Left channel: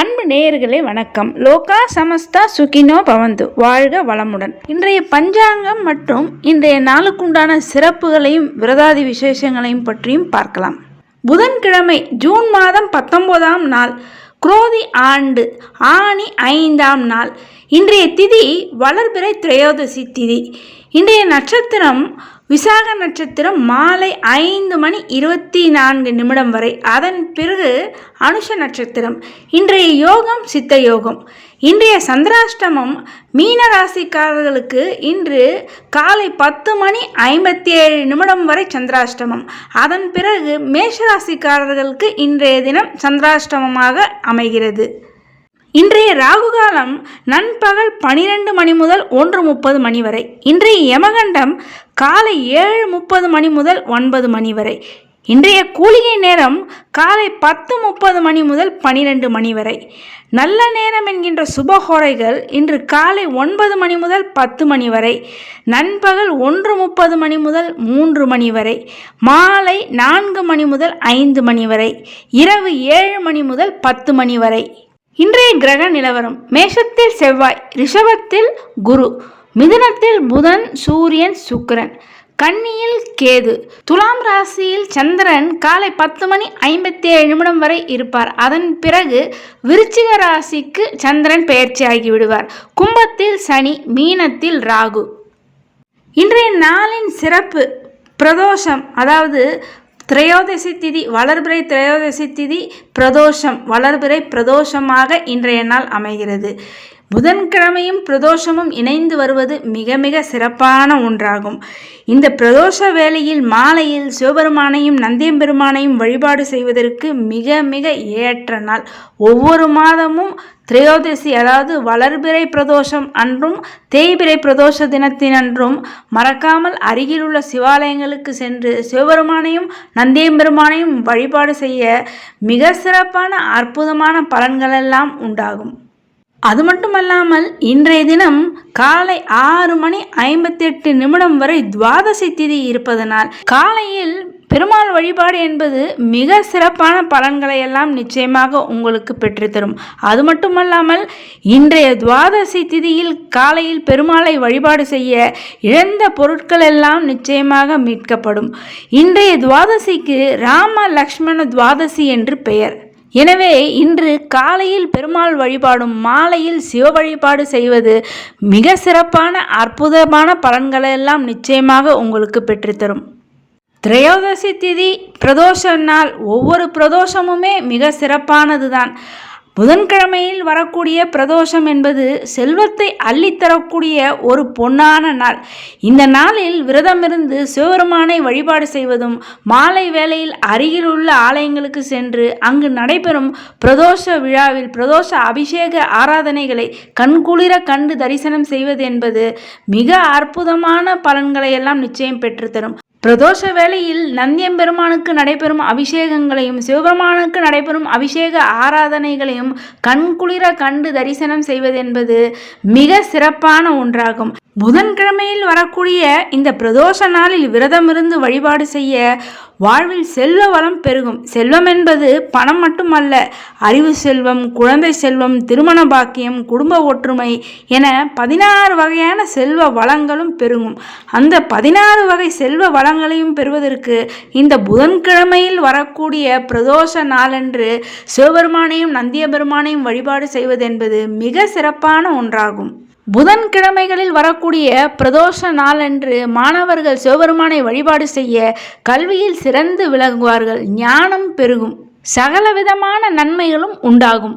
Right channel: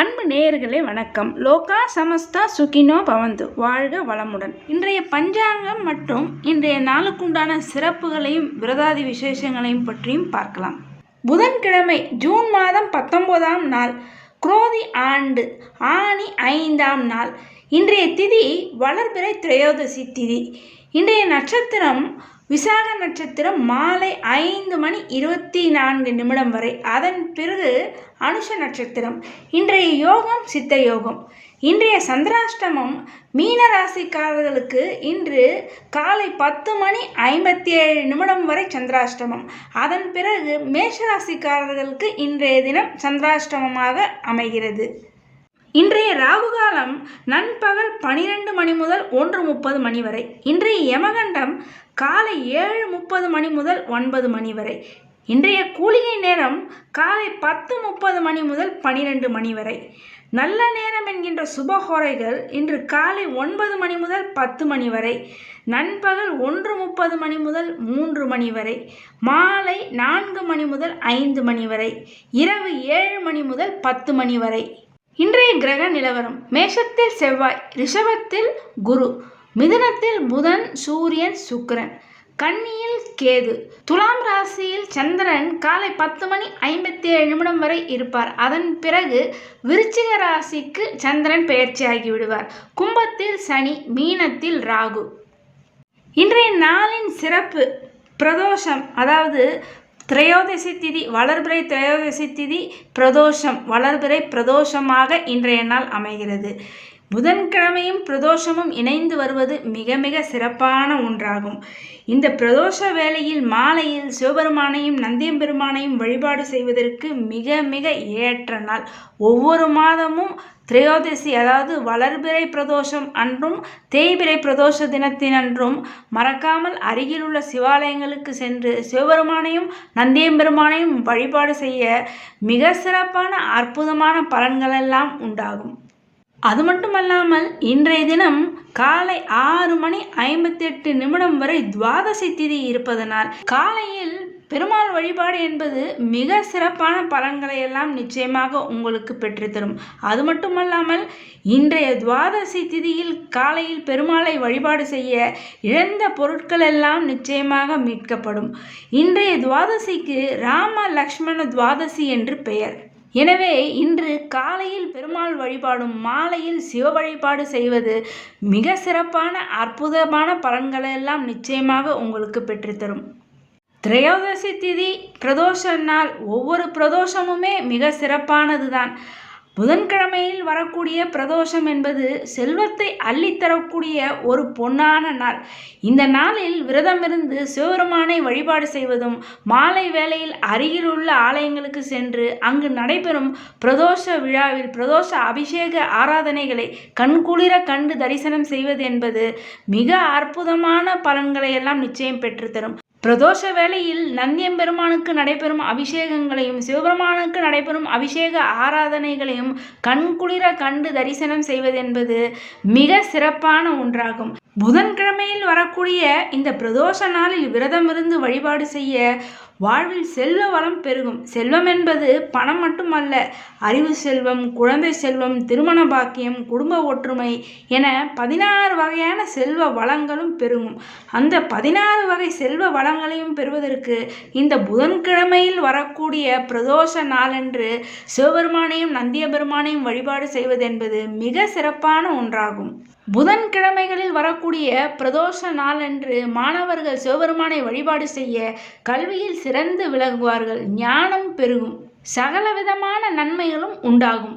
அன்பு நேயர்களே வணக்கம். லோகா சமஸ்தா சுகினோ பவந்து. வாழ்க வளமுடன். இன்றைய பஞ்சாங்கம் மற்றும் இன்றைய நாளுக்குண்டான சிறப்புகளையும் விரதாதி விசேஷங்களையும் பற்றியும் பார்க்கலாம். புதன்கிழமை ஜூன் மாதம் பத்தொன்பதாம் நாள் குரோதி ஆண்டு ஆணி ஐந்தாம் நாள். இன்றைய திதி வளர்பிறை திரையோதசி திதி. இன்றைய நட்சத்திரம் விசாக நட்சத்திரம் மாலை ஐந்து மணி இருபத்தி நான்கு நிமிடம் வரை. அதன் பிறகு அனுஷ நட்சத்திரம். இன்றைய யோகம் சித்த யோகம். இன்றைய சந்திராஷ்டமம் மீன ராசிக்காரர்களுக்கு இன்று காலை பத்து மணி ஐம்பத்தி ஏழு நிமிடம் வரை சந்திராஷ்டமம். அதன் பிறகு மேஷ ராசிக்காரர்களுக்கு இன்றைய தினம் சந்திராஷ்டமமாக அமைகிறது. இன்றைய ராகு காலம் நண்பகல் பனிரெண்டு மணி முதல் ஒன்று முப்பது மணி வரை. இன்றைய யமகண்டம் காலை ஏழு முப்பது மணி முதல் ஒன்பது மணி வரை. இன்றைய கூலிகை நேரம் காலை பத்து முப்பது மணி முதல் பனிரெண்டு மணி வரை. நல்ல நேரம் என்கின்ற சுபஹோரைகள் இன்று காலை ஒன்பது மணி முதல் பத்து மணி வரை. நண்பகல் ஒன்று முப்பது மணி முதல் மூன்று மணி வரை. மாலை நான்கு மணி முதல் ஐந்து மணி வரை. இரவு ஏழு மணி முதல் பத்து மணி வரை. இன்றைய கிரக நிலவரம். மேஷத்தில் செவ்வாய் ரிஷபத்தில் குரு மிதுனத்தில் புதன் சூரியன் சுக்கிரன் கன்னியில் கேது துலாம் ராசியில் சந்திரன் காலை பத்து மணி ஐம்பத்தி ஏழு நிமிடம் வரை இருப்பார். அதன் பிறகு விருச்சிக ராசிக்கு சந்திரன் பெயர்ச்சியாகி விடுவார். கும்பத்தில் சனி மீனத்தில் ராகு. இன்றைய நாளின் சிறப்பு பிரதோஷம் அதாவது திரையோதசி திதி வளர்பிறை திரையோதசி திதி பிரதோஷம். வளர்பிறை பிரதோஷமாக இன்றைய நாள் அமைகிறது. புதன்கிழமையும் பிரதோஷமும் இணைந்து வருவது மிக மிக சிறப்பான ஒன்றாகும். இந்த பிரதோஷ வேளையில் மாலையில் சிவபெருமானையும் நந்தியம்பெருமானையும் வழிபாடு செய்வதற்கு மிக மிக ஏற்ற நாள். ஒவ்வொரு மாதமும் திரையோதசி அதாவது வளர்பிறை பிரதோஷம் அன்றும் தேய்பிறை பிரதோஷ தினத்தினன்றும் மறக்காமல் அருகிலுள்ள சிவாலயங்களுக்கு சென்று சிவபெருமானையும் நந்தியம்பெருமானையும் வழிபாடு செய்ய மிக சிறப்பான அற்புதமான பலன்களெல்லாம் உண்டாகும். அது மட்டுமல்லாமல் இன்றைய தினம் காலை ஆறு மணி ஐம்பத்தெட்டு நிமிடம் வரை துவாதசி திதி இருப்பதனால் காலையில் பெருமாள் வழிபாடு என்பது மிக சிறப்பான பலன்களை எல்லாம் நிச்சயமாக உங்களுக்கு பெற்றுத்தரும். அது மட்டுமல்லாமல் இன்றைய துவாதசி திதியில் காலையில் பெருமாளை வழிபாடு செய்ய இழந்த பொருட்கள் எல்லாம் நிச்சயமாக மீட்கப்படும். இன்றைய துவாதசிக்கு ராம லக்ஷ்மண துவாதசி என்று பெயர். எனவே இன்று காலையில் பெருமாள் வழிபாடும் மாலையில் சிவ வழிபாடு செய்வது மிக சிறப்பான அற்புதமான பலன்களெல்லாம் நிச்சயமாக உங்களுக்கு பெற்றுத்தரும். திரையோதசி திதி பிரதோஷ நாள் ஒவ்வொரு பிரதோஷமுமே மிக சிறப்பானது தான் புதன்கிழமையில் வரக்கூடிய பிரதோஷம் என்பது செல்வத்தை அள்ளித்தரக்கூடிய ஒரு பொன்னான நாள். இந்த நாளில் விரதமிருந்து சிவபெருமானை வழிபாடு செய்வதும் மாலை வேளையில் அருகில் உள்ள ஆலயங்களுக்கு சென்று அங்கு நடைபெறும் பிரதோஷ விழாவில் பிரதோஷ அபிஷேக ஆராதனைகளை கண்குளிர கண்டு தரிசனம் செய்வது என்பது மிக அற்புதமான பலன்களை எல்லாம் நிச்சயம் பெற்றுத்தரும். பிரதோஷ வேளையில் நந்தியம்பெருமானுக்கு நடைபெறும் அபிஷேகங்களையும் சிவபெருமானுக்கு நடைபெறும் அபிஷேக ஆராதனைகளையும் கண்குளிர கண்டு தரிசனம் செய்வது என்பது மிக சிறப்பான ஒன்றாகும். புதன்கிழமையில் வரக்கூடிய இந்த பிரதோஷ நாளில் விரதமிருந்து வழிபாடு செய்ய வாழ்வில் செல்வ வளம் பெருகும். செல்வம் என்பது பணம் மட்டுமல்ல அறிவு செல்வம் குழந்தை செல்வம் திருமண பாக்கியம் குடும்ப ஒற்றுமை என பதினாறு வகையான செல்வ வளங்களும் பெருகும். அந்த பதினாறு வகை செல்வ வளங்களையும் பெறுவதற்கு இந்த புதன்கிழமையில் வரக்கூடிய பிரதோஷ நாளன்று சிவபெருமானையும் நந்திய பெருமானையும் வழிபாடு செய்வதென்பது மிக சிறப்பான ஒன்றாகும். புதன்கிழமைகளில் வரக்கூடிய பிரதோஷ நாளன்று மாணவர்கள் சிவபெருமானை வழிபாடு செய்ய கல்வியில் சிறந்து விளங்குவார்கள். ஞானம் பெருகும். சகல விதமான நன்மைகளும் உண்டாகும்.